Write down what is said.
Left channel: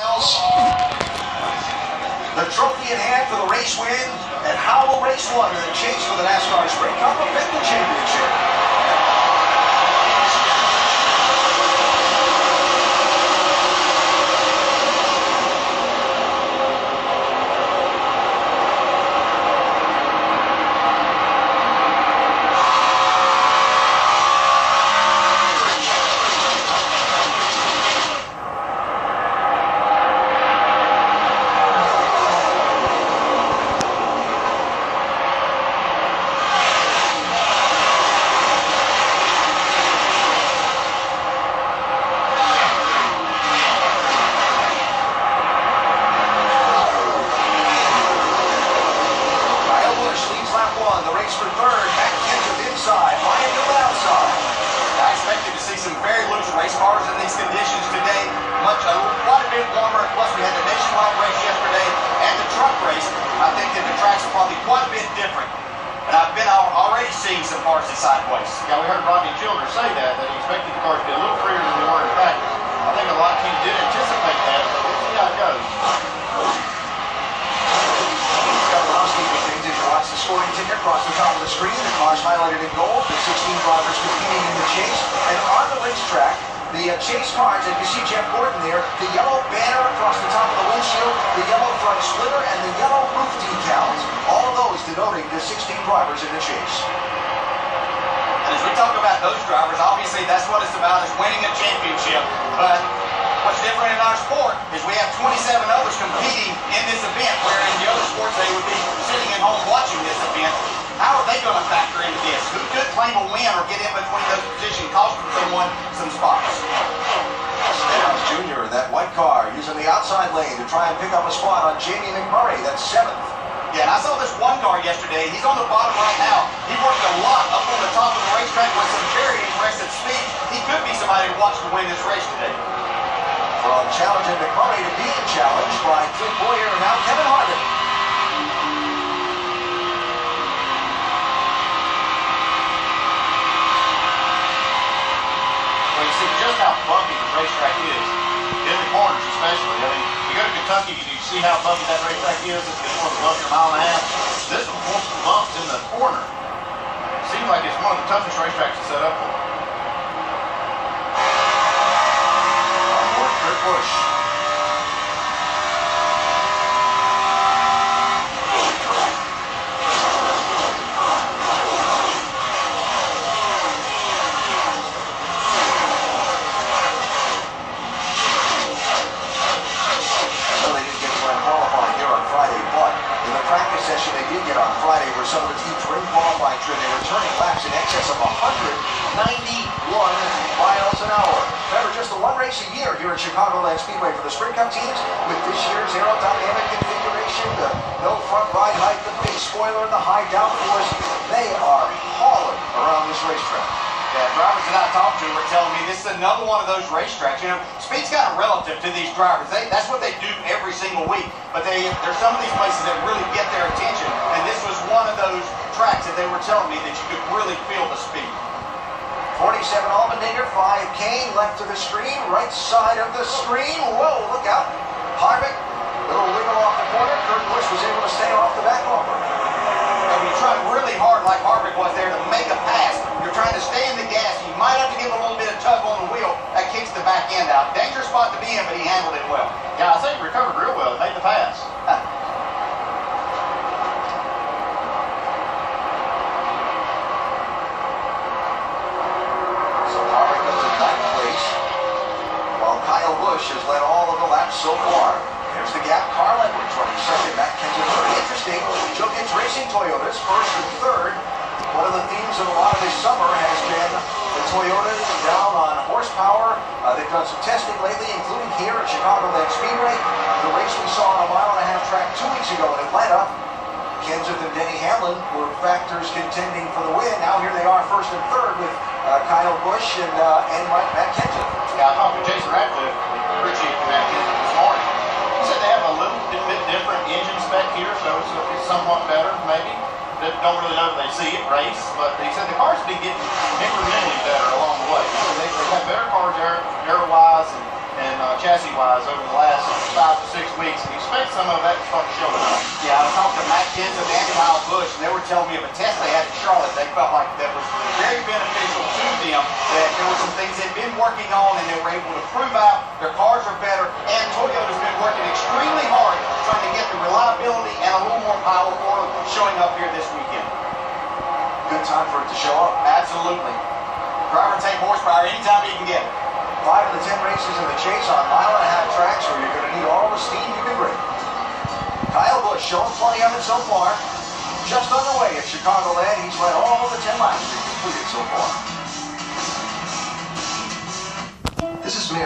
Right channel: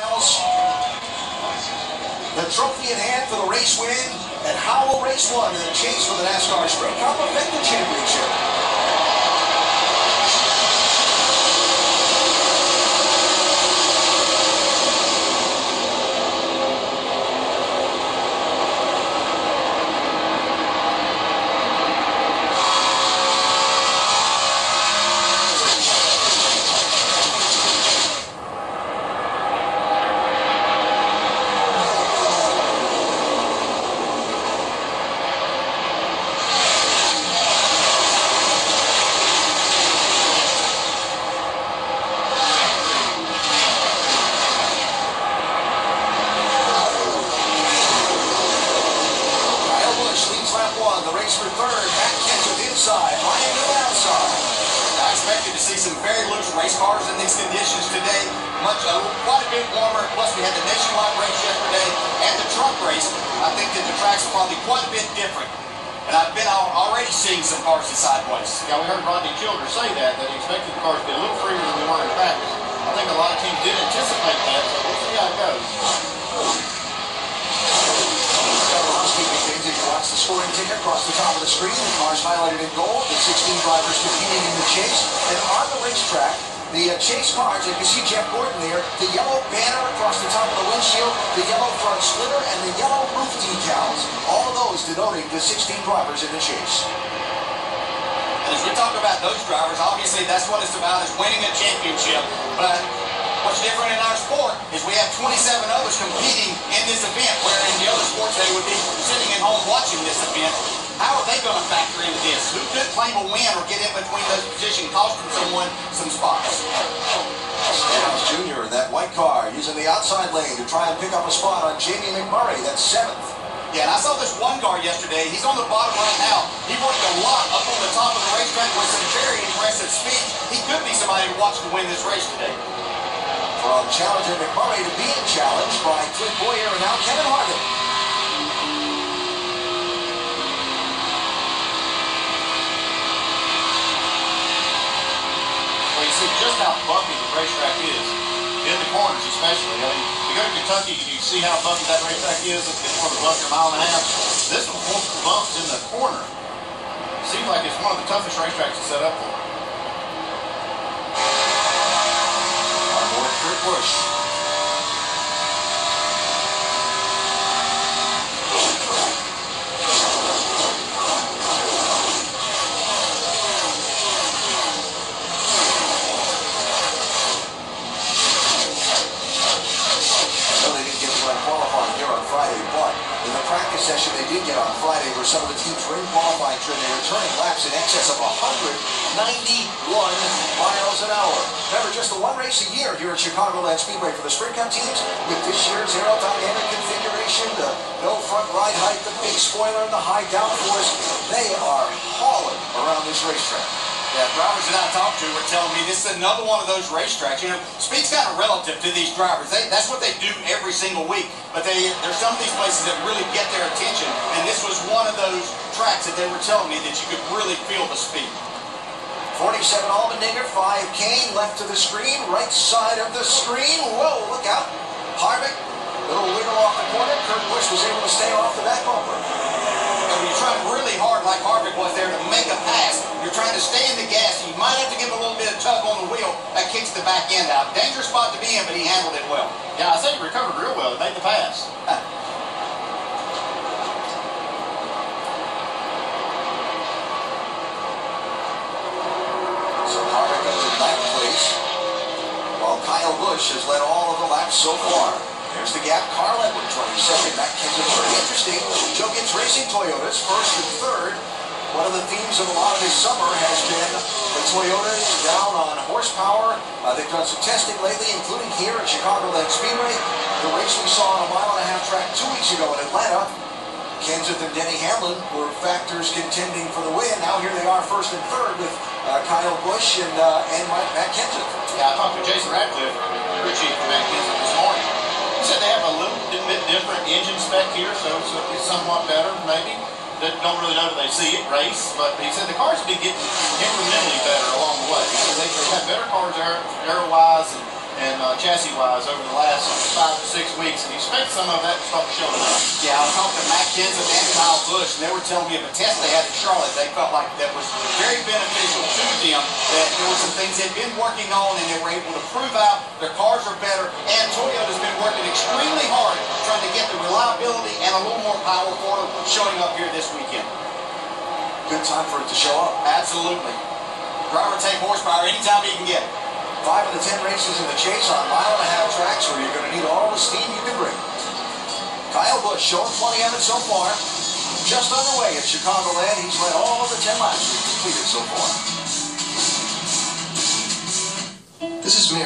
The trophy in hand for the race win at Howell Race 1 in the chase for the NASCAR Sprint Cup Event Championship. The race for third, Matt Kenseth inside, Ryan Newman outside. I expected to see some very loose race cars in these conditions today. Quite a bit warmer. Plus, we had the nationwide race yesterday and the truck race. I think that the tracks are probably quite a bit different. And I've been already seeing some cars in sideways. Yeah, we heard Rodney Childers say that he expected the cars to be a little freer than they were in practice. I think a lot of teams did anticipate that, so we'll see how it goes. Watch the scoring ticker across the top of the screen. The cars highlighted in gold. The 16 drivers competing in the chase. And on the racetrack, the chase cars, and you see Jeff Gordon there, the yellow banner across the top of the windshield, the yellow front slitter, and the yellow roof decals. All of those denoting the 16 drivers in the chase. And as we talk about those drivers, obviously that's what it's about, is winning a championship. But what's different in our sport is we have 27 others competing in this event, where in the other sports they would be sitting at home watching this event. How are they going to factor into this? Who could claim a win or get in between those positions, costing someone some spots? Stenhouse Jr. in that white car using the outside lane to try and pick up a spot on Jamie McMurray. That's 7th. Yeah, and I saw this one car yesterday. He's on the bottom right now. He worked a lot up on the top of the racetrack with some very impressive speed. He could be somebody to watch to win this race today. From challenging McMurray to being challenged by Clint Bowyer and now Kevin Harvick. Well, you see just how bumpy the racetrack is, in the corners especially. I mean, you go to Kentucky and you see how bumpy that racetrack is. It's one of the bumpier mile and a half. This one bumps in the corner. Seems like it's one of the toughest racetracks to set up for. Busch. Well, they didn't get to run qualifying here on Friday, but in the practice session they did get on Friday where some of the teams were in qualifying trim. They were turning laps in excess of 191 miles an hour. Remember, just the one race a year here at Chicagoland Speedway for the Sprint Cup teams with this year's aerodynamic configuration, the no front ride height, the big spoiler, and the high downforce. They are hauling around this racetrack. Yeah, drivers that I talked to were telling me this is another one of those racetracks. You know, speed's kind of relative to these drivers. That's what they do every single week. But there's some of these places that really get their attention, and this was one of those tracks that they were telling me that you could really feel the speed. 47 Allmendinger, 5 Kane, left to the screen, right side of the screen. Whoa, look out. Harvick, little wiggle off the corner. Kurt Busch was able to stay off the back bumper. And when you're trying really hard like Harvick was there to make a pass, you're trying to stay in the gas. You might have to give a little bit of tug on the wheel. That kicks the back end out. Dangerous spot to be in, but he handled it well. Yeah, I think he recovered real well. He made the pass. Kyle Busch has led all of the laps so far. There's the gap. Carl Edwards running second. Matt Kenseth very interesting. Joe Gibbs Racing Toyotas first and third. One of the themes of a lot of this summer has been the Toyotas down on horsepower. They've done some testing lately, including here at Chicagoland Speedway. The race we saw on a mile-and-a-half track 2 weeks ago in Atlanta. Kenseth and Denny Hamlin were factors contending for the win. Now here they are first and third with Kyle Busch and Matt Kenseth. Yeah, I talked to Jason Ratcliffe, crew chief for Matt Kenseth this morning. He said they have a little bit different engine spec here, so it's somewhat better, maybe. They don't really know if they see it race, but he said the cars have been getting incrementally better along the way. So they've had better cars aero-wise and chassis-wise over the last last 5 to 6 weeks, and you expect some of that to start showing up. Yeah, I talked to Matt Kenseth and Kyle Busch, and they were telling me of a test they had in Charlotte. They felt like that was very beneficial to them, that there were some things they'd been working on, and they were able to prove out their cars are better, and Toyota's been working extremely hard trying to get the reliability and a little more power for them showing up here this weekend. Good time for it to show up. Absolutely. Driver take horsepower anytime he can get it. 5 of the 10 races in the chase on mile-and-a-half tracks where you're going to need all the steam you can bring. Kyle Busch showing plenty of it so far. Just underway at Chicagoland. He's led all of the 10 laps we've completed so far. This is me.